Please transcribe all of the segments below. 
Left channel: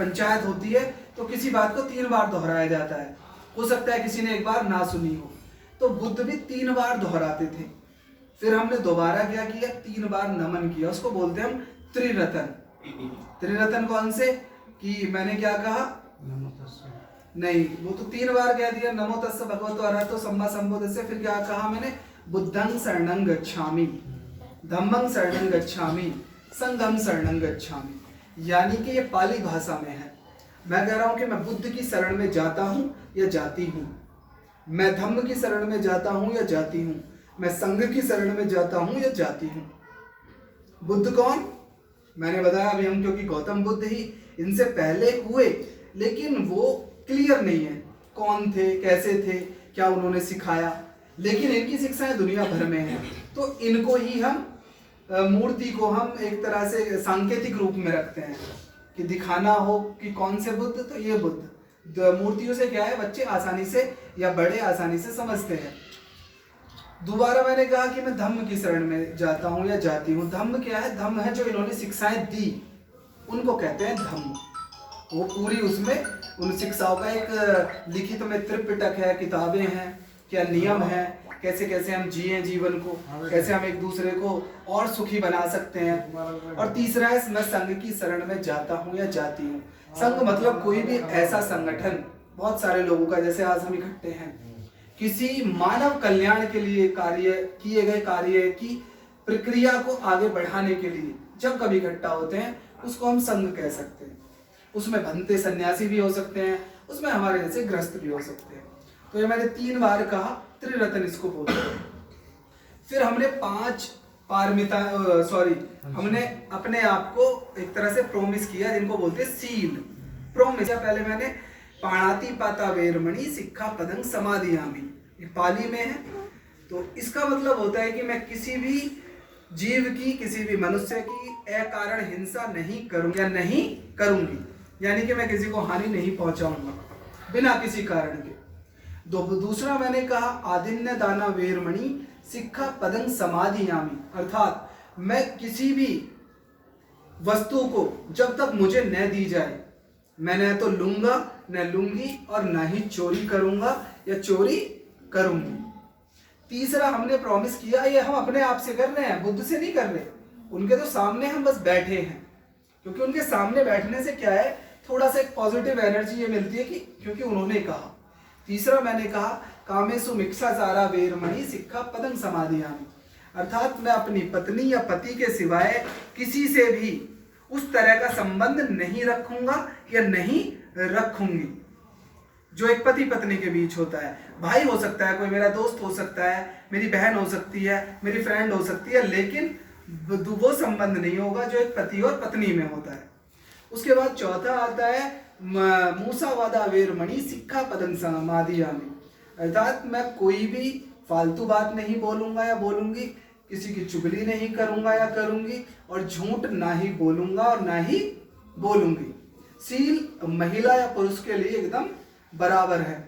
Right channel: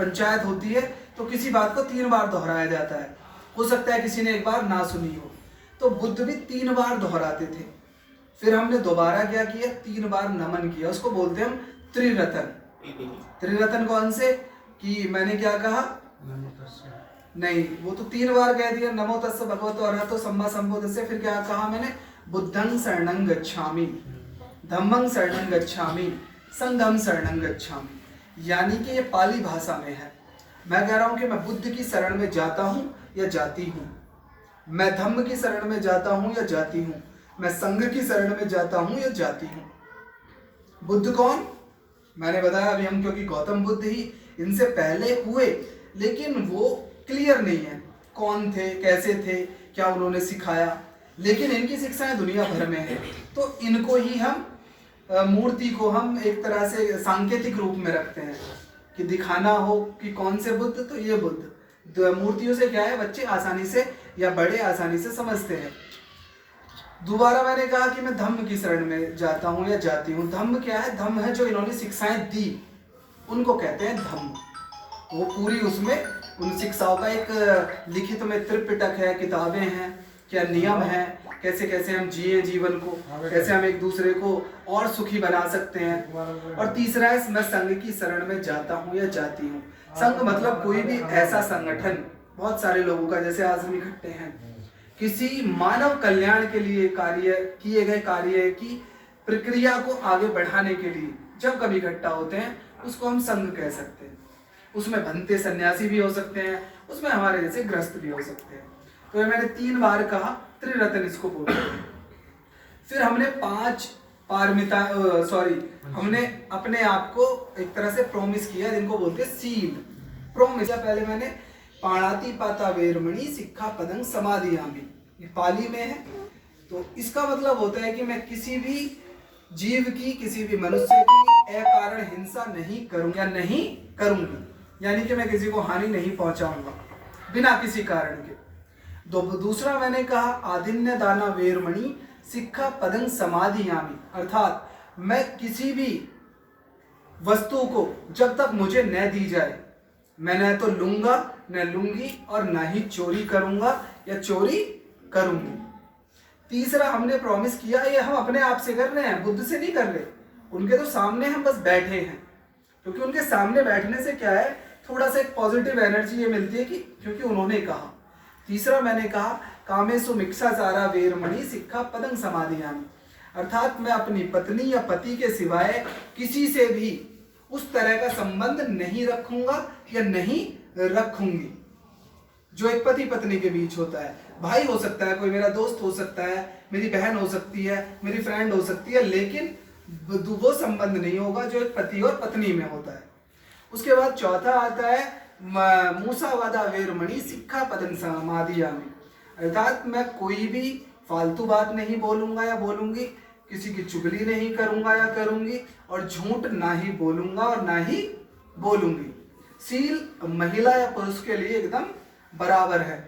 पंचायत होती है तो किसी बात को 3 बार दोहराया जाता है। हो सकता है किसी ने एक बार ना सुनी हो, तो बुद्ध भी 3 बार दोहराते थे। फिर हमने दोबारा क्या किया, 3 बार नमन किया, उसको बोलते हैं हम त्रिरतन। त्रिरतन कौन से, कि मैंने क्या कहा, नहीं वो तो 3 बार कह दिया, नमो तस्से भगवतो अरहतो सम्मा संबुद्धस्से। फिर क्या कहा मैंने, बुद्धं शरणं गच्छामि, धम्मं शरणं गच्छामि, संघं शरणं गच्छामि। यानी कि ये पाली भाषा में है। मैं कह रहा हूं कि मैं बुद्ध की शरण में जाता हूं या जाती हूं, मैं धम्म की शरण में जाता हूं या जाती हूं, मैं संघ की शरण में जाता हूं या जाती हूं। बुद्ध कौन, मैंने बताया अभी हम, क्योंकि गौतम बुद्ध ही इनसे पहले हुए, लेकिन वो क्लियर नहीं है कौन थे, कैसे थे, क्या उन्होंने सिखाया, लेकिन इनकी शिक्षाएं दुनिया भर में है। तो इनको ही हम मूर्ति को हम एक तरह से सांकेतिक रूप में रखते हैं कि दिखाना हो कि कौन से बुद्ध, तो ये बुद्ध। मूर्तियों से क्या है, बच्चे आसानी से या बड़े आसानी से समझते हैं। दोबारा मैंने कहा कि मैं धम्म की शरण में जाता हूं या जाती हूं। धम्म क्या है, धम्म है जो इन्होंने शिक्षाएं दी, उनको कहते हैं धम्म। वो पूरी उसमें उन शिक्षाओं का एक लिखित में त्रिपिटक है, किताबें हैं, क्या नियम हैं, कैसे कैसे हम जिए जीवन को, कैसे हम एक दूसरे को और सुखी बना सकते हैं। और तीसरा है, मैं संघ की शरण में जाता हूं या जाती हूं। संघ मतलब कोई भी ऐसा संगठन, बहुत सारे लोगों का, जैसे आज हम इकट्ठे हैं, किसी मानव कल्याण के लिए कार्य किए गए कार्य की प्रक्रिया को आगे बढ़ाने के लिए जब कभी इकट्ठा होते हैं, उसको हम संघ कह सकते हैं। उसमें भंते सन्यासी भी हो सकते हैं, उसमें हमारे जैसे गृहस्थ भी हो सकते हैं। तो ये मैंने 3 बार कहा, त्रिरत्न इसको बोलते हैं। फिर हमने 5 पारमिता हमने अपने आप को एक तरह से प्रोमिस किया, जिनको बोलते हैं सील। प्रोमिस पहले मैंने पाणाति पाता वेरमणि सिक्खा पदं समाधियामि, ये पाली में है। तो इसका मतलब होता है कि मैं किसी भी जीव की, किसी भी मनुष्य की अकारण हिंसा नहीं करूंगा, नहीं करूंगी, यानी कि मैं किसी को हानि नहीं पहुंचाऊंगा बिना किसी कारण के। दूसरा मैंने कहा आदिन्य दाना वेरमणि सिक्खा पदं समाधियामि, अर्थात मैं किसी भी वस्तु को जब तक मुझे न दी जाए, मैं न तो लूंगा न लूंगी और न ही चोरी करूंगा या चोरी करूंगी। तीसरा हमने प्रॉमिस किया, ये हम अपने आप से कर रहे हैं, बुद्ध से नहीं कर रहे, उनके तो सामने हम बस बैठे हैं, क्योंकि उनके सामने बैठने से क्या है, थोड़ा सा एक पॉजिटिव एनर्जी ये मिलती है कि क्योंकि उन्होंने कहा। तीसरा मैंने कहा कामेसु मिक्षाचारा वेरमणि सिक्खा पदं समाधियामि, अर्थात मैं अपनी पत्नी या पति के सिवाय किसी से भी उस तरह का संबंध नहीं रखूंगा या नहीं रखूंगी जो एक पति पत्नी के बीच होता है। भाई हो सकता है, कोई मेरा दोस्त हो सकता है, मेरी बहन हो सकती है, मेरी फ्रेंड हो सकती है, लेकिन वो संबंध नहीं होगा जो एक पति और पत्नी में होता है। उसके बाद चौथा आता है मूसावादा वेरमणि सिक्खा पदं समाधियामि, अर्थात मैं कोई भी फालतू बात नहीं बोलूंगा या बोलूंगी, किसी की चुगली नहीं करूंगा या करूंगी, और झूठ ना ही बोलूंगा और ना ही बोलूंगी। सील महिला या पुरुष के लिए एकदम बराबर है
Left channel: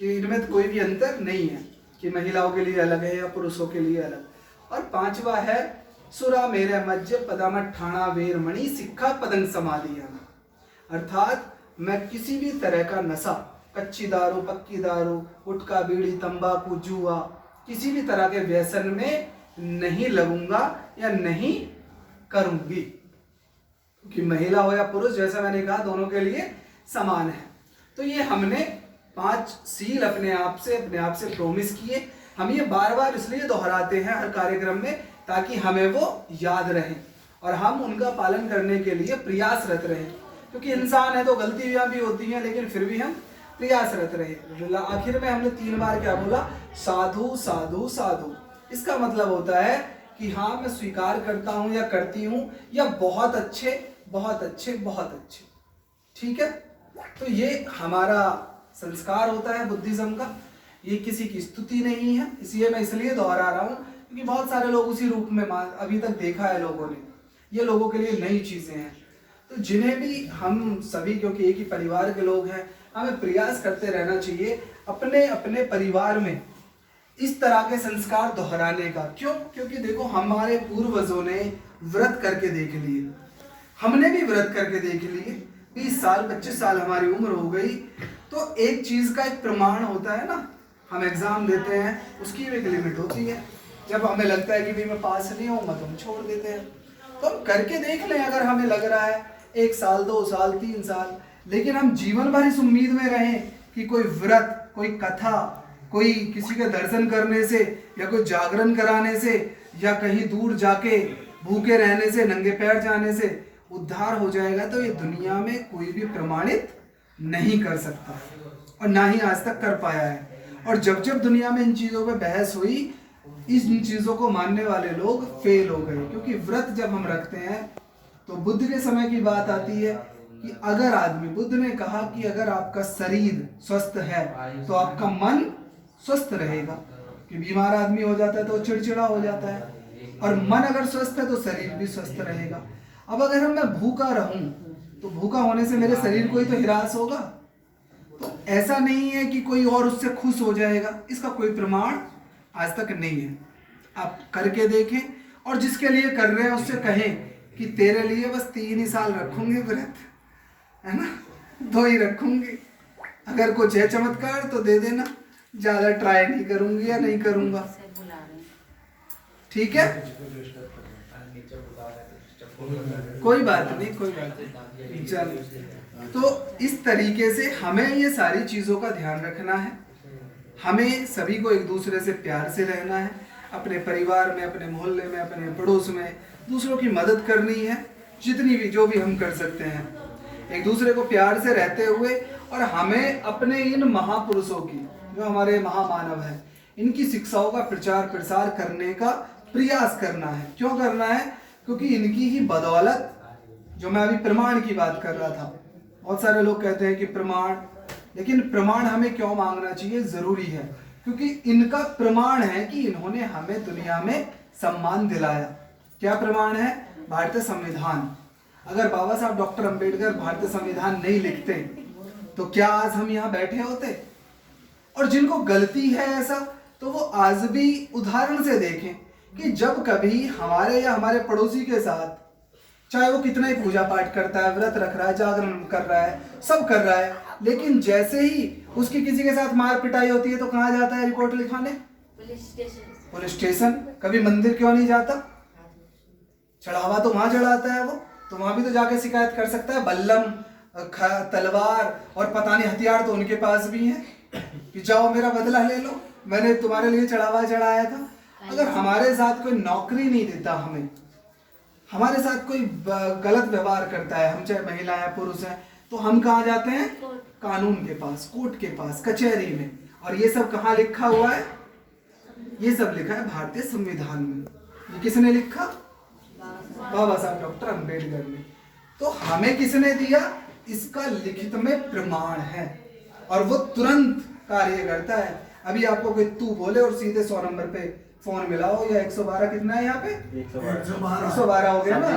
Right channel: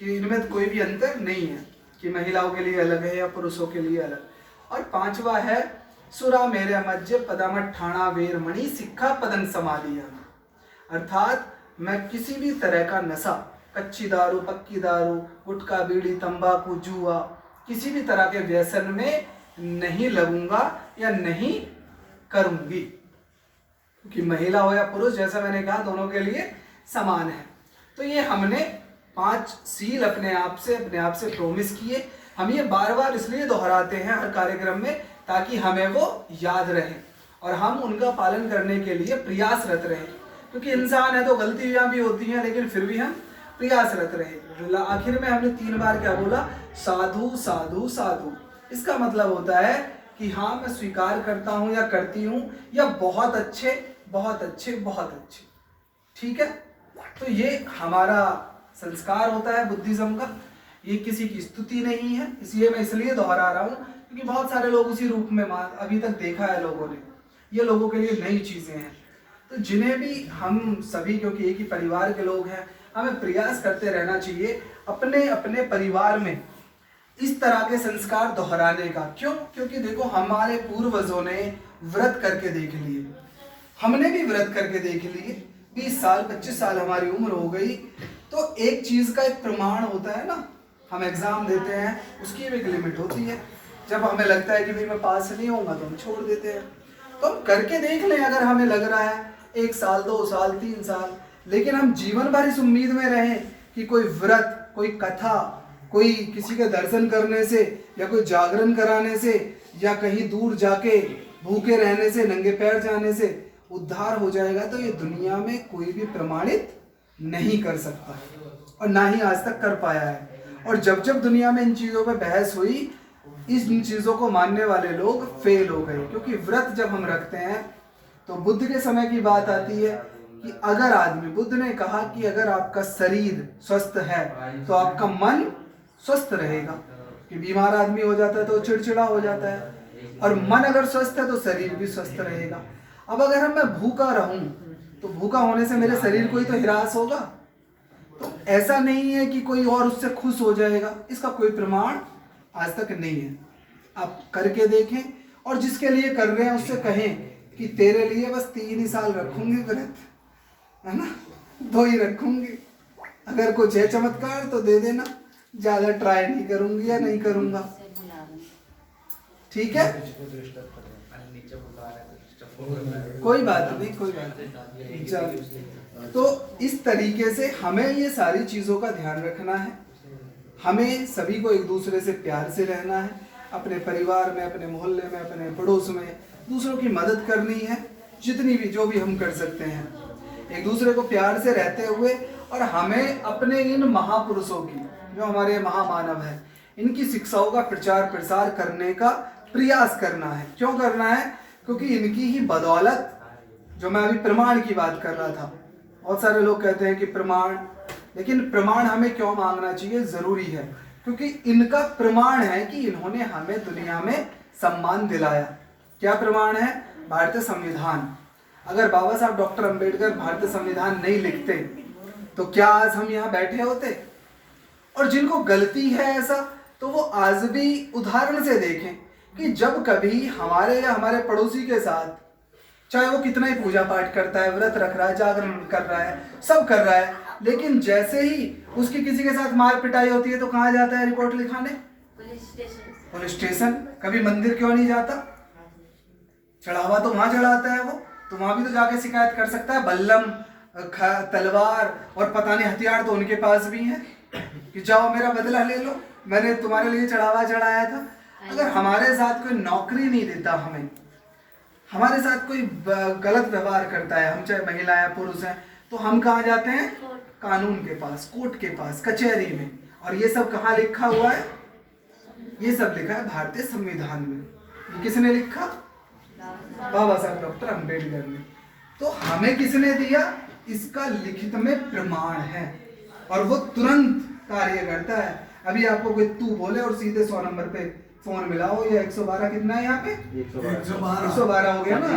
कि इनमें कोई भी अंतर नहीं है कि महिलाओं के लिए अलग है या पुरुषों के लिए अलग। और 5वां है सुरा मेरे मज्ज पदामठाणा वेरमणि सिक्खा पदं समाधियामि, अर्थात मैं किसी भी तरह का नशा, कच्ची दारू, पक्की दारू, गुटखा, बीड़ी, तंबाकू, जुआ, किसी भी तरह के व्यसन में नहीं लगूंगा या नहीं करूंगी, क्योंकि महिला हो या पुरुष, जैसा मैंने कहा, दोनों के लिए समान है। तो ये हमने 5 सील अपने आप से प्रोमिस किए। हम ये बार बार इसलिए दोहराते हैं हर कार्यक्रम में, ताकि हमें वो याद रहे और हम उनका पालन करने के लिए प्रयासरत रहें, क्योंकि इंसान है तो गलतियां भी होती हैं, लेकिन फिर भी हम प्रयासरत रहे। आखिर में हमने 3 बार क्या बोला, साधु साधु साधु। इसका मतलब होता है कि हाँ, मैं स्वीकार करता हूं या करती हूं, या बहुत अच्छे बहुत अच्छे बहुत अच्छे, ठीक है। तो ये हमारा संस्कार होता है बुद्धिज्म का, ये किसी की स्तुति नहीं है। इसलिए मैं इसलिए दोहरा रहा हूँ क्योंकि बहुत सारे लोग उसी रूप में अभी तक देखा है लोगों ने, ये लोगों के लिए नई चीजें हैं। तो जिन्हें भी हम सभी, क्योंकि एक ही परिवार के लोग हैं, हमें प्रयास करते रहना चाहिए अपने अपने परिवार में इस तरह के संस्कार दोहराने का। क्यों? क्योंकि देखो, हमारे पूर्वजों ने व्रत करके देख लिए, हमने भी व्रत करके देख लिए, 20 साल 25 साल हमारी उम्र हो गई, तो एक चीज का एक प्रमाण होता है ना, हम एग्जाम देते हैं, उसकी भी एक लिमिट होती है। जब हमें लगता है कि भाई मैं पास नहीं होऊंगा तो हम छोड़ देते हैं। तो हम करके देख लें, अगर हमें लग रहा है 1 साल 2 साल 3 साल, लेकिन हम जीवन भर इस उम्मीद में रहें कि कोई व्रत, कोई कथा, कोई किसी के दर्शन करने से या कोई जागरण कराने से या कहीं दूर जाके भूखे रहने से, नंगे पैर जाने से उद्धार हो जाएगा, तो ये दुनिया में कोई भी प्रमाणित नहीं कर सकता और ना ही आज तक कर पाया है। और जब जब दुनिया में इन चीज़ों पे बहस हुई, इन चीज़ों को मानने वाले लोग फेल हो गए। क्योंकि व्रत जब हम रखते हैं तो बुद्ध के समय की बात आती है कि अगर आदमी, बुद्ध ने कहा कि अगर आपका शरीर स्वस्थ है तो आपका मन स्वस्थ रहेगा। कि बीमार आदमी हो जाता है तो चिड़चिड़ा हो जाता है, और मन अगर स्वस्थ है तो शरीर भी स्वस्थ रहेगा। अब अगर मैं भूखा रहूं तो भूखा होने से मेरे शरीर को ही तो हिरास होगा, तो ऐसा नहीं है कि कोई और उससे खुश हो जाएगा, इसका कोई प्रमाण आज तक नहीं है। आप करके देखें, और जिसके लिए कर रहे हैं उससे कहें कि तेरे लिए बस 3 ही साल रखूंगी व्रत, है ना, 2 ही रखूंगी, अगर कुछ है चमत्कार तो दे देना, ज्यादा ट्राई नहीं करूंगी या नहीं करूंगा, ठीक है, कोई बात नहीं, कोई बात नहीं, चल। तो इस तरीके से हमें ये सारी चीजों का ध्यान रखना है। हमें सभी को एक दूसरे से प्यार से रहना है, अपने परिवार में, अपने मोहल्ले में, अपने पड़ोस में दूसरों की मदद करनी है, जितनी भी जो भी हम कर सकते हैं, एक दूसरे को प्यार से रहते हुए। और हमें अपने इन महापुरुषों की, जो हमारे महामानव हैं, इनकी शिक्षाओं का प्रचार प्रसार करने का प्रयास करना है। क्यों करना है? क्योंकि इनकी ही बदौलत, जो मैं अभी प्रमाण की बात कर रहा था, बहुत सारे लोग कहते हैं कि प्रमाण, लेकिन प्रमाण हमें क्यों मांगना चाहिए, जरूरी है क्योंकि इनका प्रमाण है कि इन्होंने हमें दुनिया में सम्मान दिलाया। क्या प्रमाण है? भारतीय संविधान। अगर बाबा साहब डॉक्टर अंबेडकर भारतीय संविधान नहीं लिखते तो क्या आज हम यहाँ बैठे होते? और जिनको गलती है ऐसा, तो वो आज भी उदाहरण से देखें कि जब कभी हमारे या हमारे पड़ोसी के साथ, चाहे वो कितना ही पूजा पाठ करता है, व्रत रख रहा है, जागरण कर रहा है, सब कर रहा है, लेकिन जैसे ही उसकी किसी के साथ मार पिटाई होती है तो कहाँ जाता है रिपोर्ट लिखाने? Police station. कभी मंदिर क्यों नहीं जाता? चढ़ावा तो वहां चढ़ाता है वो, तो वहां भी तो जाके शिकायत कर सकता है। बल्लम, तलवार और पता नहीं हथियार तो उनके पास भी है कि जाओ मेरा बदला ले लो, मैंने तुम्हारे लिए चढ़ावा चढ़ाया था। अगर हमारे साथ कोई नौकरी नहीं देता, हमें हमारे साथ कोई गलत व्यवहार करता है, हम चाहे महिला है पुरुष हैं, तो हम कहाँ जाते हैं? कानून के पास, कोर्ट के पास, कचहरी में। और ये सब कहाँ लिखा हुआ है? ये सब लिखा है भारतीय संविधान में। ये किसने लिखा? बाबा साहब डॉक्टर अंबेडकर ने। तो हमें किसने दिया? इसका लिखित में प्रमाण है और वो तुरंत कार्य करता है। अभी आपको कोई तू बोले और सीधे 100 नंबर पे फोन मिलाओ, या 112 कितना है यहाँ पे? 112 हो गया ना?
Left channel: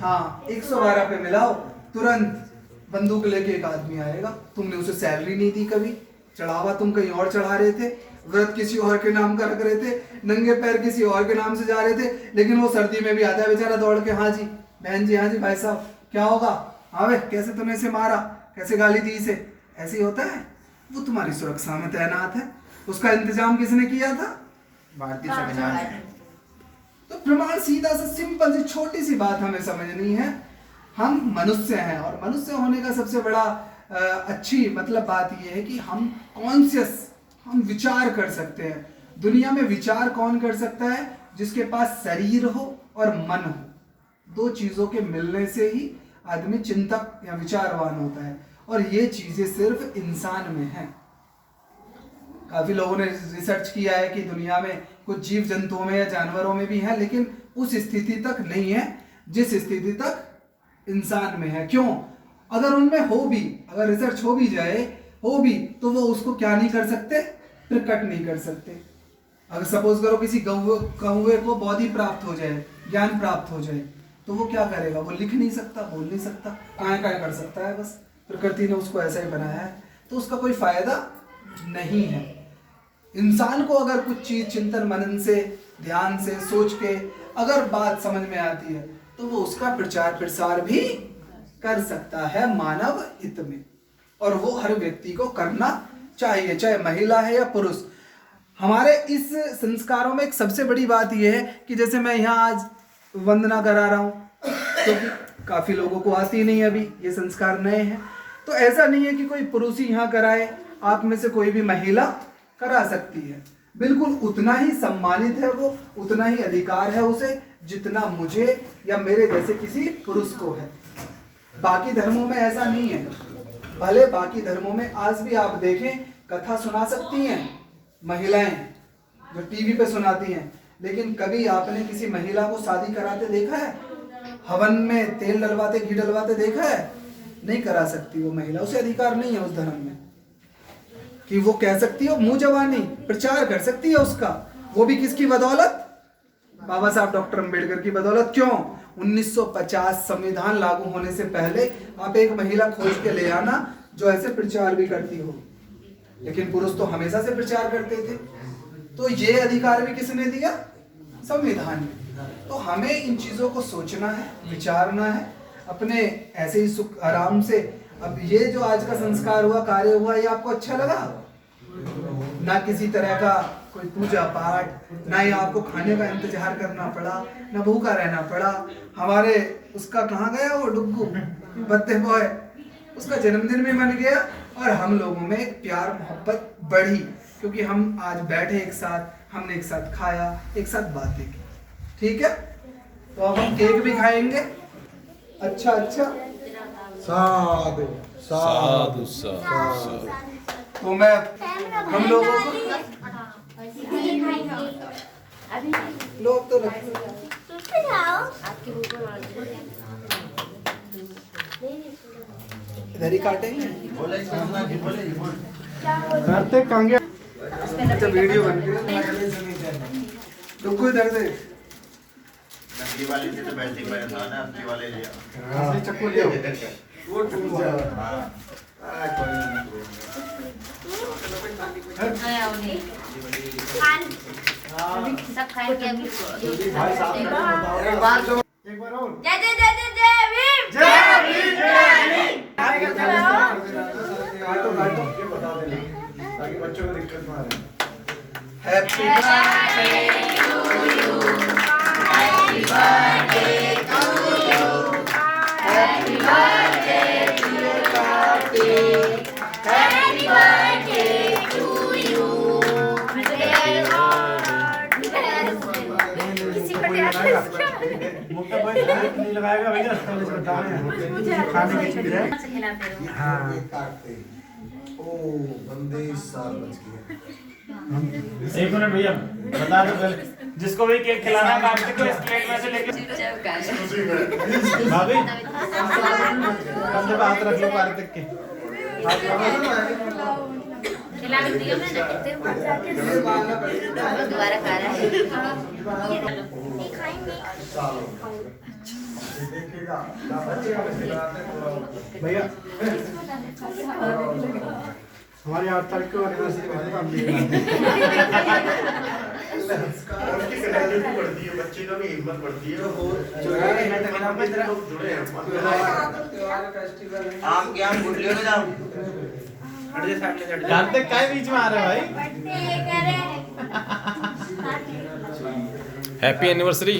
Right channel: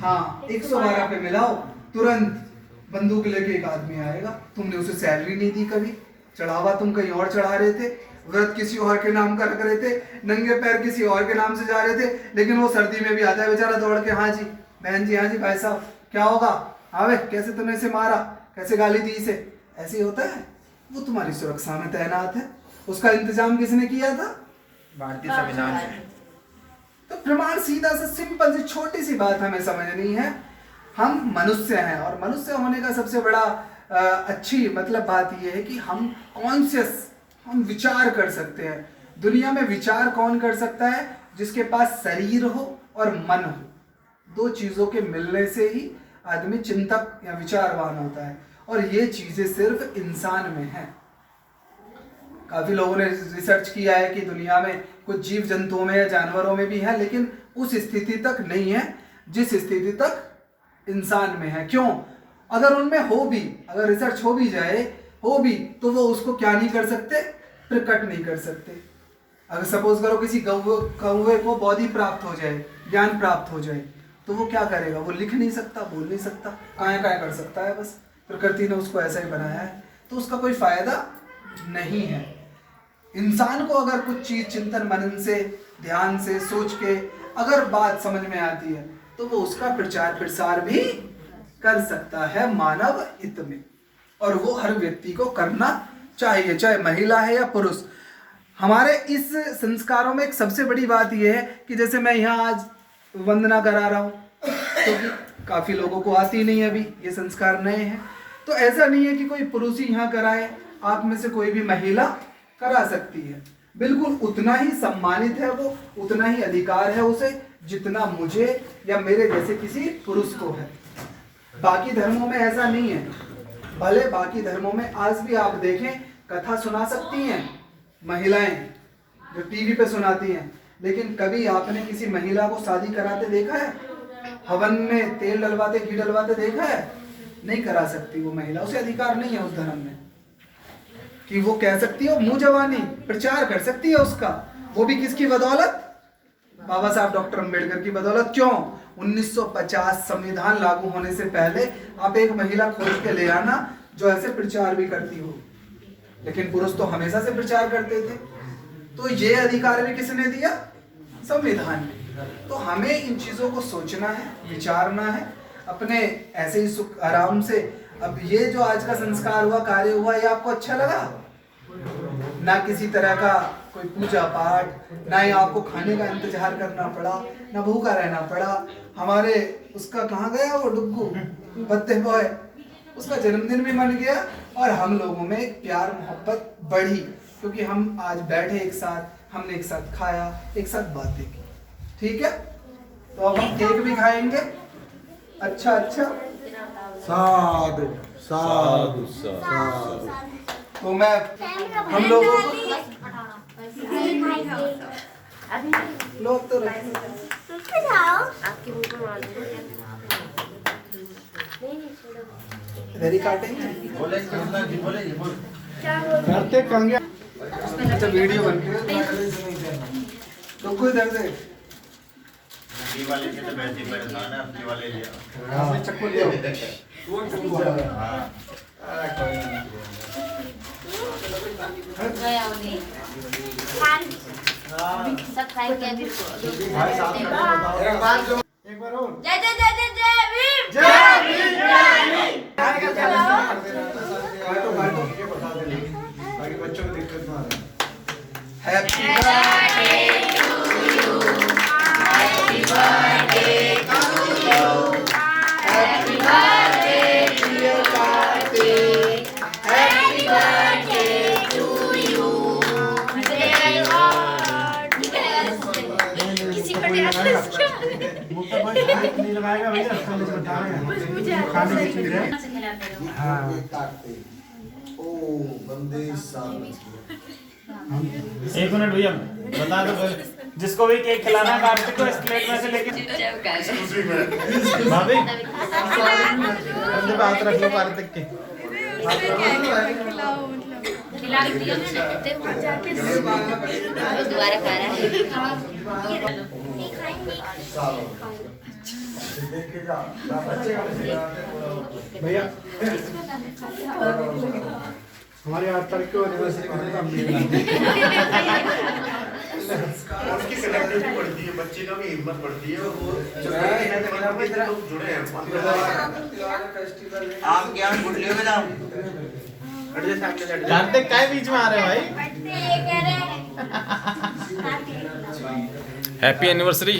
हाँ, 112 पे मिलाओ, तुरंत बंदूक लेके एक आदमी आएगा। तुमने उसे सैलरी नहीं दी, कभी चढ़ावा तुम कहीं और चढ़ा रहे थे, व्रत किसी और के नाम का रख रहे थे, नंगे पैर किसी और के नाम से जा रहे थे, लेकिन वो सर्दी में भी आता है बेचारा दौड़ के, हाँ जी बहन जी, हाँ जी भाई साहब, क्या होगा? आवे, कैसे तुमने इसे मारा, कैसे गाली दी इसे? ऐसे ही होता है। वो तुम्हारी सुरक्षा में तैनात है। उसका इंतजाम किसने किया था? भारतीय संविधान। तो प्रमाण सीधा सा सिंपल सी छोटी सी बात हमें समझनी है। हम मनुष्य हैं, और मनुष्य होने का सबसे बड़ा अच्छी मतलब बात यह है कि हम कॉन्शियस, हम विचार कर सकते हैं। दुनिया में विचार कौन कर सकता है? जिसके पास शरीर हो और मन हो। 2 चीजों के मिलने से ही आदमी चिंतक या विचारवान होता है, और ये चीजें सिर्फ इंसान में है। काफी लोगों ने रिसर्च किया है कि दुनिया में कुछ जीव जंतुओं में या जानवरों में भी है, लेकिन उस स्थिति तक नहीं है जिस स्थिति तक इंसान में है। क्यों? अगर उनमें हो भी, अगर रिसर्च हो भी जाए, हो भी, तो वो उसको क्या नहीं कर सकते? प्रकट नहीं कर सकते। अगर सपोज करो किसी कौवे को बोधि प्राप्त हो जाए, ज्ञान प्राप्त हो जाए, तो वो क्या करेगा? वो लिख नहीं सकता, बोल नहीं सकता, काया कर सकता है, बस प्रकृति ने उसको ऐसा ही बनाया है, तो उसका कोई फायदा नहीं है। इंसान को अगर कुछ चीज चिंतन मनन से, ध्यान से, सोच के अगर बात समझ में आती है, तो वो उसका प्रचार प्रसार भी कर सकता है मानव हित में, और वो हर व्यक्ति को करना चाहिए, चाहे महिला है या पुरुष। हमारे इस संस्कारों में एक सबसे बड़ी बात यह है कि जैसे मैं यहाँ आज वंदना करा रहा हूँ, क्योंकि काफ़ी लोगों को आती नहीं, अभी ये संस्कार नए हैं, तो ऐसा नहीं है कि कोई पुरुष ही यहाँ कराए, आप में से कोई भी महिला करा सकती है। बिल्कुल उतना ही सम्मानित है वो, उतना ही अधिकार है उसे जितना मुझे या मेरे जैसे किसी पुरुष को है। बाकी धर्मों में ऐसा नहीं है। भले बाकी धर्मों में आज भी आप देखें, कथा सुना सकती हैं महिलाएं जो टीवी पे सुनाती हैं, लेकिन कभी आपने किसी महिला को शादी कराते देखा है? हवन में तेल डलवाते, घी डलवाते देखा है? नहीं करा सकती वो महिला, उसे अधिकार नहीं है उस धर्म में कि वो कह सकती है, मुंह जवानी प्रचार कर सकती है उसका। वो भी किसकी बदौलत? बाबा साहब डॉक्टर अंबेडकर की बदौलत। क्यों? 1950 संविधान लागू होने से पहले आप एक महिला खोज के ले आना जो ऐसे प्रचार भी करती हो, लेकिन पुरुष तो हमेशा से प्रचार करते थे। तो ये अधिकार भी किसने दिया? संविधान ने। तो हमें इन चीजों को सोचना है, विचारना है, अपने ऐसे ही सुख आराम से। अब ये जो आज का संस्कार हुआ, कार्य हुआ, ये आपको अच्छा लगा? ना किसी तरह का कोई पूजा पाठ, ना ही आपको खाने का इंतजार करना पड़ा, ना भूखा रहना पड़ा। हमारे उसका कहाँ गया वो डुग्गू बर्थडे बॉय, उसका जन्मदिन भी मन गया, और हम लोगों में एक प्यार मोहब्बत बढ़ी, क्योंकि हम आज बैठे एक साथ, हमने एक साथ खाया, एक साथ बातें की। ठीक है, तो अब हम केक भी खाएंगे। अच्छा अच्छा, साधु साधु साधु। तो मैं हम लोगों को लोग तो आपके मुंह पे मार दो। इधर ही काटेंगे। करते कंगे अच्छा वीडियो बन रही है, रुको इधर से। ये वाले से तो वैसे ही परेशान है, अपने वाले ले आओ। हाँ चक्कू ले आओ। सब खाएंगे अभी। एक बार और जय जय जय जय जय भीम। जय भीम जय भीम। काटो काटो, ये बता दे ताकि बच्चों को दिक्कत ना आए। Happy birthday to you, happy birthday to you, happy birthday dear Karthik, happy birthday to you. किसी को नहीं मुक्ता भाई नहीं लगाएगा भैया, पहले से बता रहे हैं खाने की चीज है। हाँ ओ बंदे साल बच गए। एक मिनट भैया बता दो पहले, जिसको भी केक खिलाना है कार्तिक को इस प्लेट में से लेके भाभी कंधे पे हाथ रखिए कार्तिक के। खिला दिया मैंने, दोबारा खा रहा है। नहीं खाएंगे। भैया हमारी 8 तारीख को एनिवर्सरी करने का हम नहीं बढ़ती है, बच्चे का भी हिम्मत बढ़ती है। वो जो है लोग जुड़े हैं। आप क्या बुढ़लियों में जाओ कार्तिक काय बीच में आ रहे हैं भाई? ये कह रहे हैं हैप्पी एनिवर्सरी।